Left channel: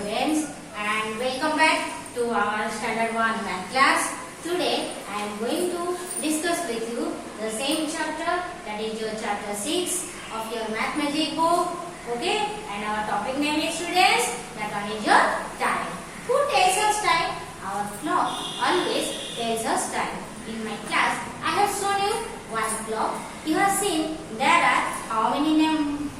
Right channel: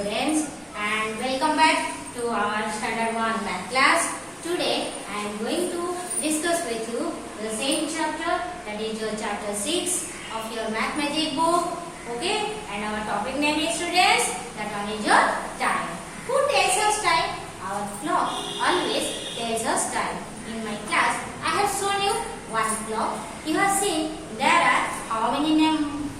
students, and welcome back to our standard 1 math class. Today I am going to discuss with you the same chapter, that is your chapter 6 of your mathematics book. Okay, and our topic name is, students, that one is your time. Who tells us time? Our clock always tells us time. In my class I have shown you one clock. You have seen there are how many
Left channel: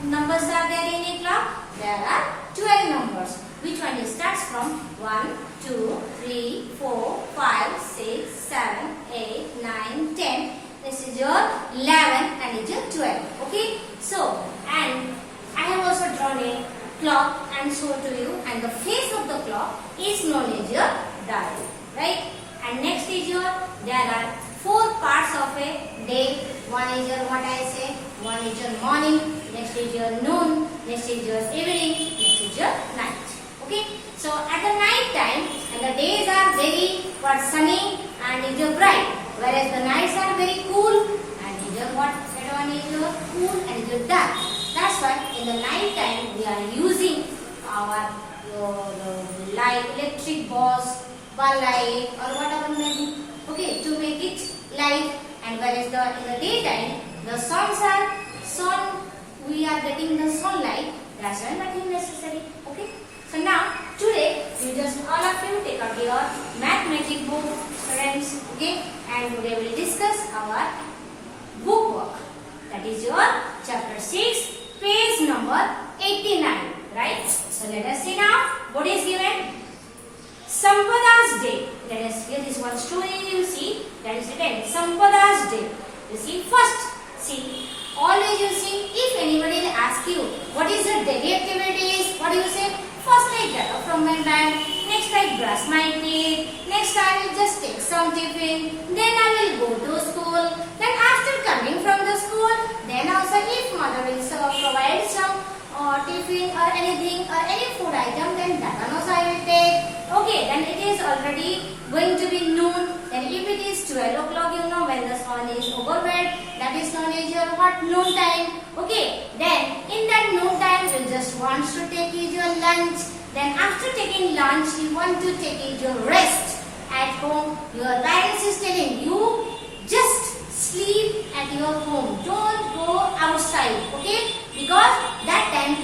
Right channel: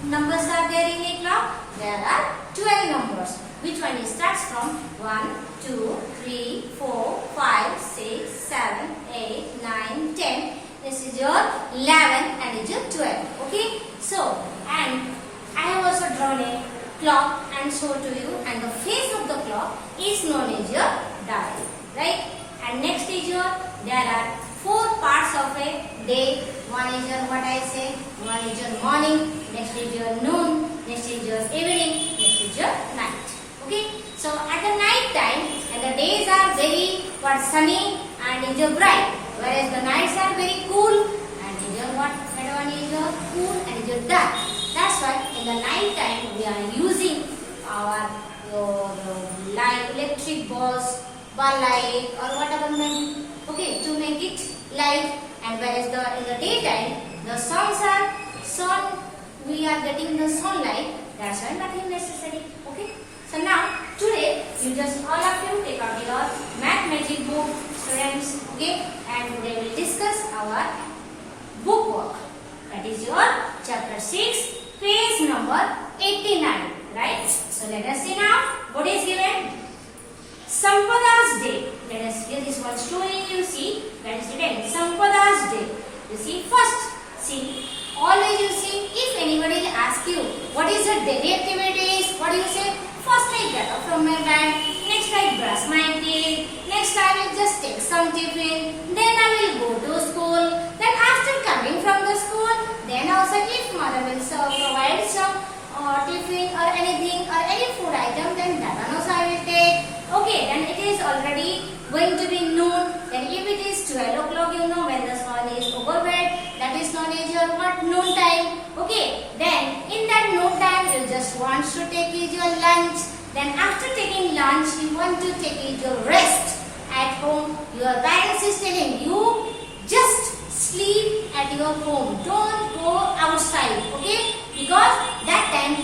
numbers are there in a clock? There are 12 numbers. Which one starts from 1, 2, 3, 4, 5, 6, 7, 8, 9, 10. This is your 11 and this is your 12. Okay. So, and I have also drawn a clock and shown to you, and the face of the clock is known as your dial. Right? And next is your, there are 4 parts of a day. One is your, what I say, one is your morning, next is your noon, next is your evening, next is your night. Okay, so at the night time, and the days are very sunny and is your bright, whereas the nights are very cool and is your what? That one is your cool and is your dark. That's why in the night time we are using our light, electric bulbs, bulb light or whatever maybe, okay, to make it light. And whereas in the daytime the sun we are getting the sunlight, that's why nothing necessary. Okay, so now today you just all of you take out your mathematics book, students. Okay, and today we will discuss our book work, that is your chapter 6, page number 89. Right, so let us see now what is given. Sampada's Day. Let us hear this one story. You see, that is written Sampada's Day. You see, first, see, always you see, if anybody will ask you what is your daily activities, what do you say? First I get up from my bed, next I brush my teeth, next I will just take some tiffin, then I will go to school, then after coming from the school, then also if mother will provide some tiffin or anything or any food item, then that one also I will take. Okay, then it is already going to be noon. Then if it is 12 o'clock, you know, when the sun is overhead, that is known as your what? Noon time. Okay, then in that noon time, you just want to take your lunch. Then after taking lunch, you want to take your rest at home. Your parents is telling you, just sleep at your home. Don't go outside. Okay, because that time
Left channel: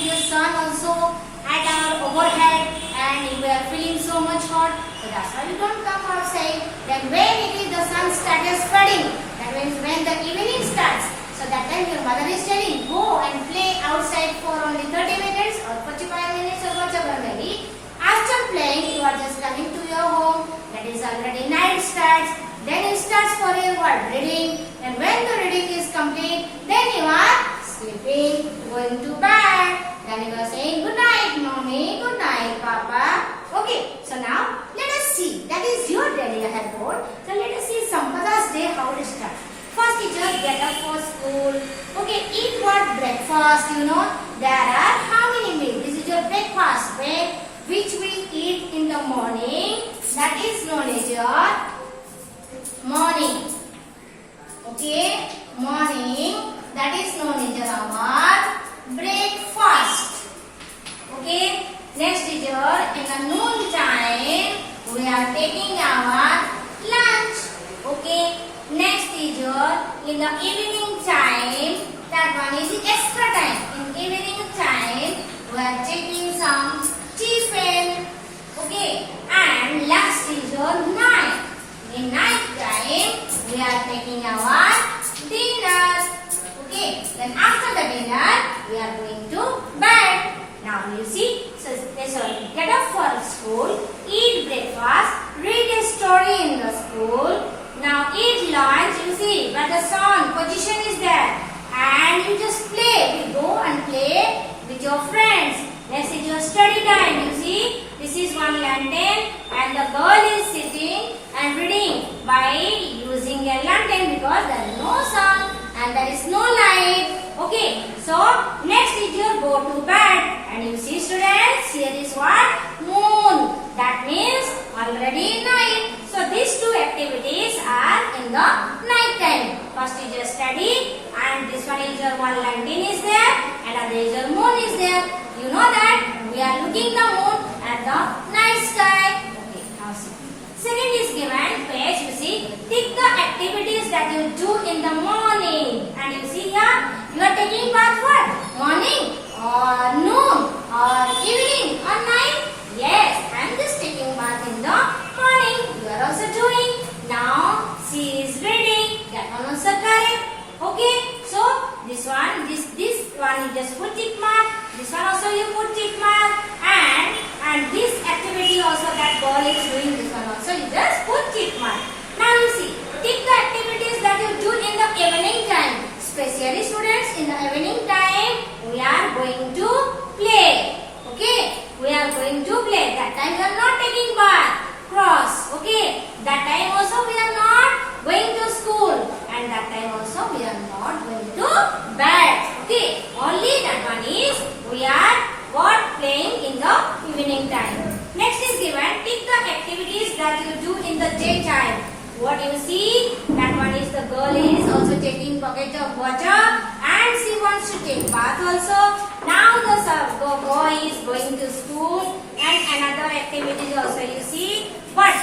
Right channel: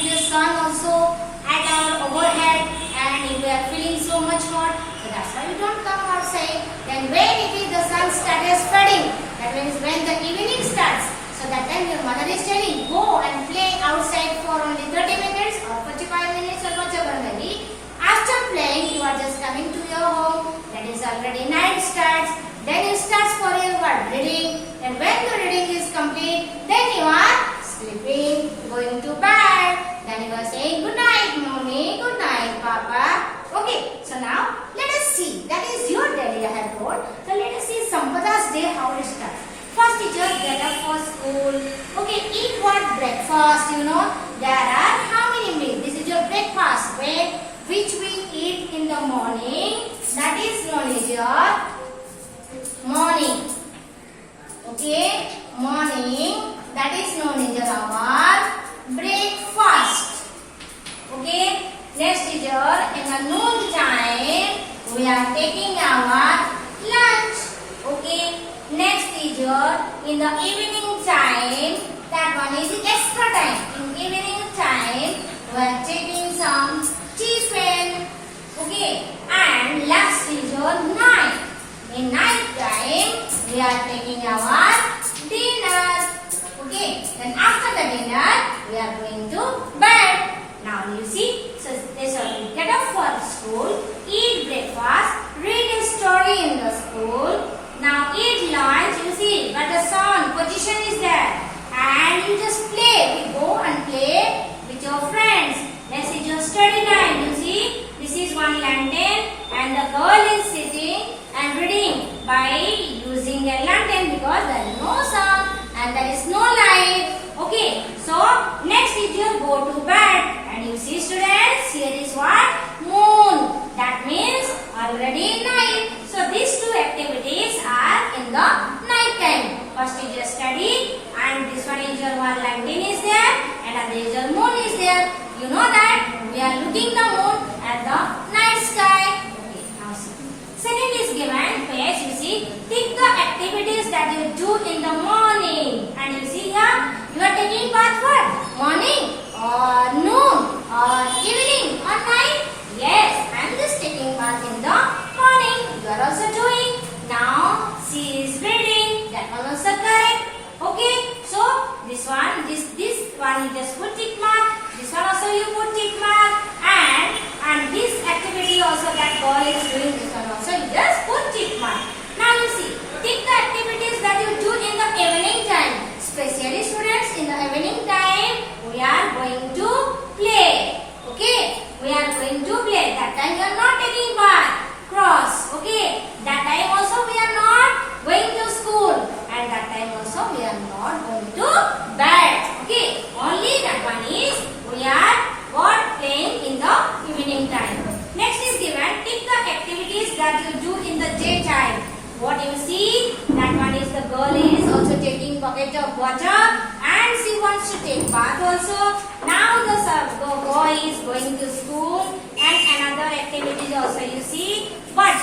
your sun also at our overhead and we are feeling so much hot, so that's why we don't come outside. Then when it is the sun starts spreading, that means when the evening starts, so that time your mother is telling, go and play outside for only 30 minutes or 45 minutes or whatever maybe. After playing, you are just coming to your home, that is already night starts, then you start for your what? Reading, and when the reading is complete, then you are sleeping, going to bed. Then you are saying, good night, mommy, good night, papa. Okay, so now let us see. That is your daily I have told. So let us see Sampada's Day, how it starts. First teacher, get up for school. Okay, eat what? Breakfast, you know. There are how many meals? This is your breakfast, which we eat in the morning. That is known as your morning. Okay, morning. That is known as our breakfast. Okay, next is your, in the noon time we are taking our lunch. Okay, next is your, in the evening time, that one is extra time. In evening time we are taking some tiffin. Okay, and last is your night. In night time we are taking our dinner. Okay, then after the dinner we are going to bed. Now you see, so get up for school, eat breakfast, read a story in the school. Now eat lunch, you see, but the sun position is there, and you just play. You go and play with your friends. Next is your study time. You see, this is one lantern, and the girl is sitting and reading by using a lantern because there is no sun and there is no light. Okay, so next is your go to bed, and you see, students, here is what? Moon. That means already night. So these two activities are in the night time. First is your study, and this one is your one lantern is there, and other is your moon is there. You know that that you do in the morning. And you see here, you are taking bath what? Morning or noon or evening or night? Yes, I am just taking bath in the morning. You are also doing. Now she is reading. That one also correct. Okay, so this one you just put tick mark. This one also you put tick mark. And this activity also that girl is doing, this one also you just put tick mark. Now you see, tick the activities that you do in the evening time. Especially students, in the evening time we are going to play. Okay, we are going to play. That time we are not taking bath. Cross. Okay, that time also we are not going to school, and that time also we are not going to bed. Okay, only that one is we are playing in the evening time. Next is given, tick the activities that you do in the daytime. What you see, that one is the girl is also taking bucket of water and she wants to take bath also. Now the boy is going to school and another activity also you see. But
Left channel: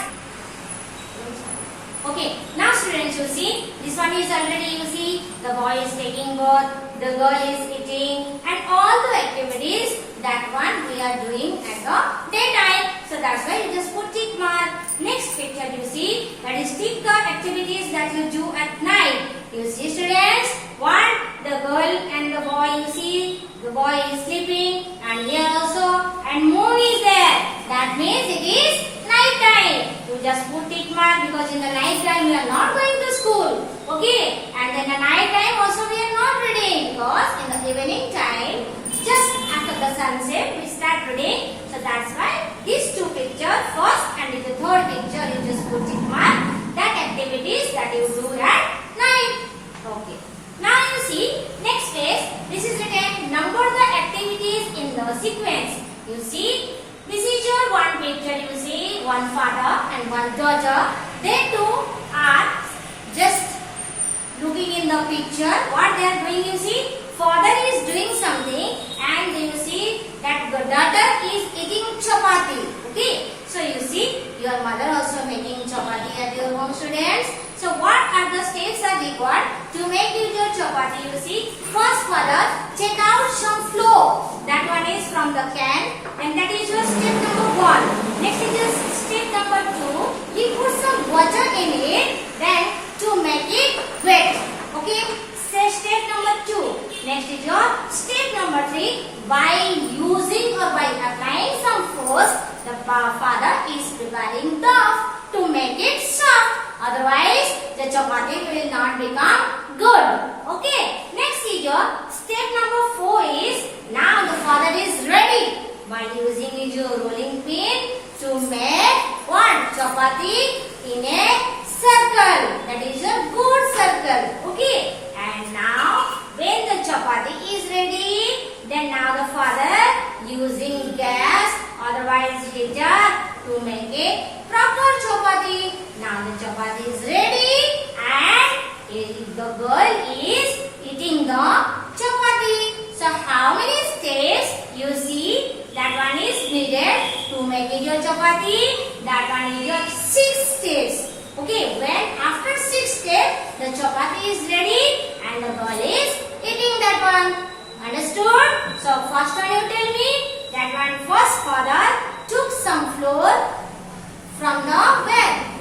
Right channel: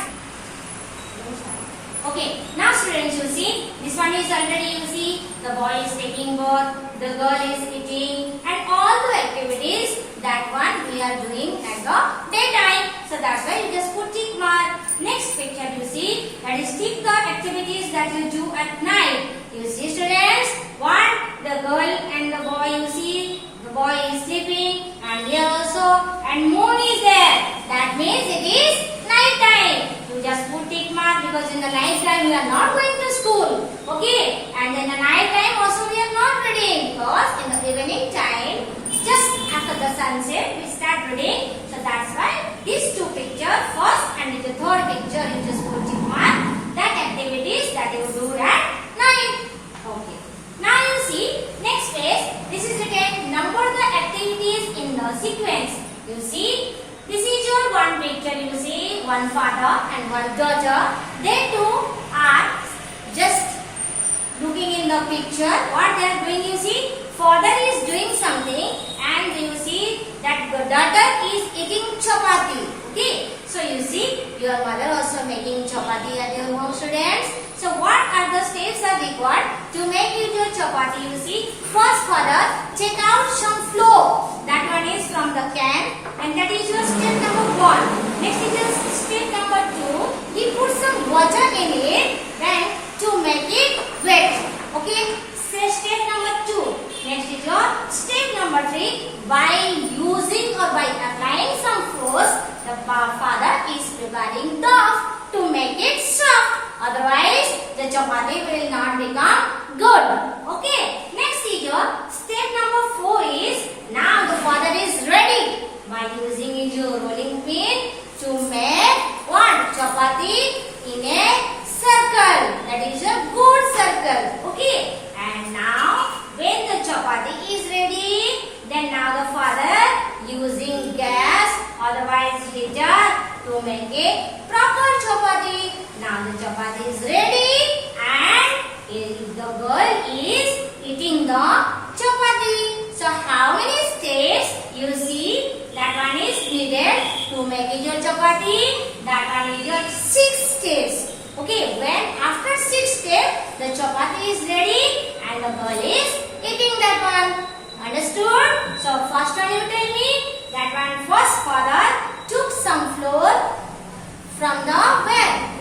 okay, now students you see, this one is already you see, the boy is taking bath, the girl is eating, and all the activities that one we are doing at the daytime. So that's why you just put tick mark. Next picture you see, that is tick the activities that you do at night. You see students, one, the girl and the boy you see, the boy is sleeping and here also, and moon is there. That means it is night time. You just put tick mark because in the night time we are not going to school. Okay, and in the night time also we are not reading because in the evening time, just after the sunset we start reading. So that's why these two pictures, first and in the third picture you just put tick mark that activities that you do at night. Okay. Now you see next page. This is written number the activities in the sequence. You see, this is your one picture. You see one father and one daughter. They two are just looking in the picture. What they are doing? You see, father is doing something, and you see that the daughter is eating chapati. Okay. So you see, your mother also making chapati at your home, students. So what are the steps are required to make your chapati? You see, first father take out some flour. That one is from the can, and that is your step number 1. Next is your step number 2. He put some water in it, then to make it wet. Okay. Say step number 2. Next is your step number 3. By using or by applying some force, the father is preparing dough to make it soft. Otherwise, the chapati will not become good. Okay. Next is your step number 4 is, now the father is ready by using his rolling pin to make what? Chapati in a circle. That is a good circle. Okay. And now when the chapati is ready, then now the father using gas, otherwise heater, to make a proper chapati. Now the chapati is ready and the girl is eating the chapati. So how many steps you see? That one is needed to make it your chapati. That one is your 6 steps. Okay, when after 6 steps the chapati is ready and the girl is eating that one. Understood? So first one you tell me, that one first father took some flour from the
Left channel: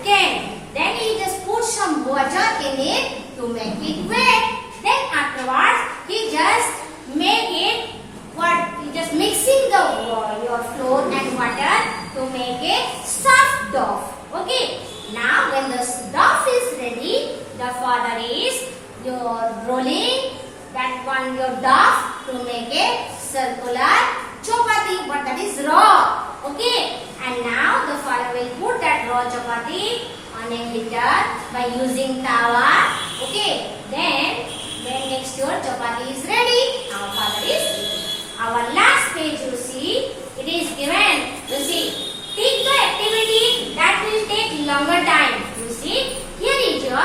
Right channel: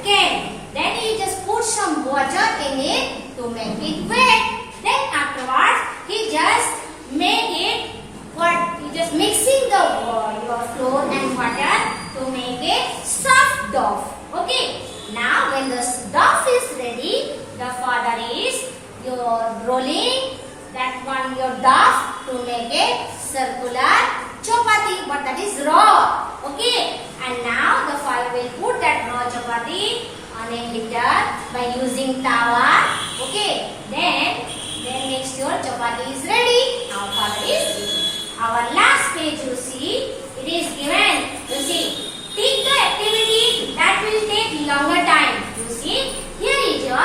can. Then he just put some water in it to make it wet. Then afterwards he just make it what? He just mixing the your flour and water to make a soft dough. Okay. Now when the dough is ready, the father is your rolling that one your dough to make a circular chapati, but that is raw. Okay. And now the father will put that raw chapati on a heater by using tawa. Okay. Then next your chapati is ready. Our father is eating. Our last page you see, it is given. You see, take the activity that will take longer time. You see, here is your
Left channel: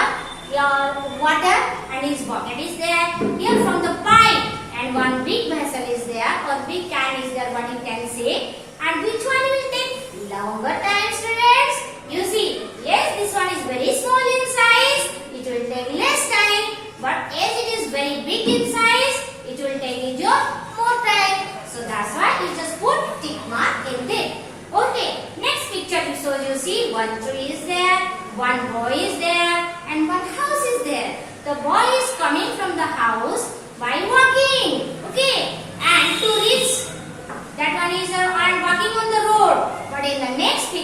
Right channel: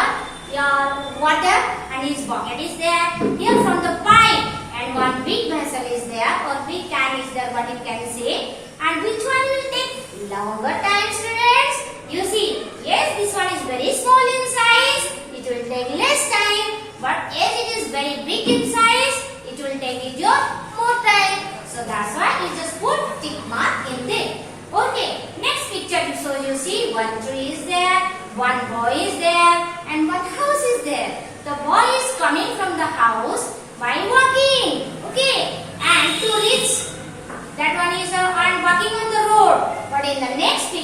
water and his bucket is there. Here from the pipe and one big vessel is there or big can is there, what you can say. And which one will take longer time, students? You see, yes, this one is very small in size. It will take less very big in size, it will take your more time. So that's why you just put tick mark in there. Okay, next picture. So you see one tree is there, one boy is there, and one house is there. The boy is coming from the house by walking. Okay, and to reach that one is walking on the road. But in the next picture,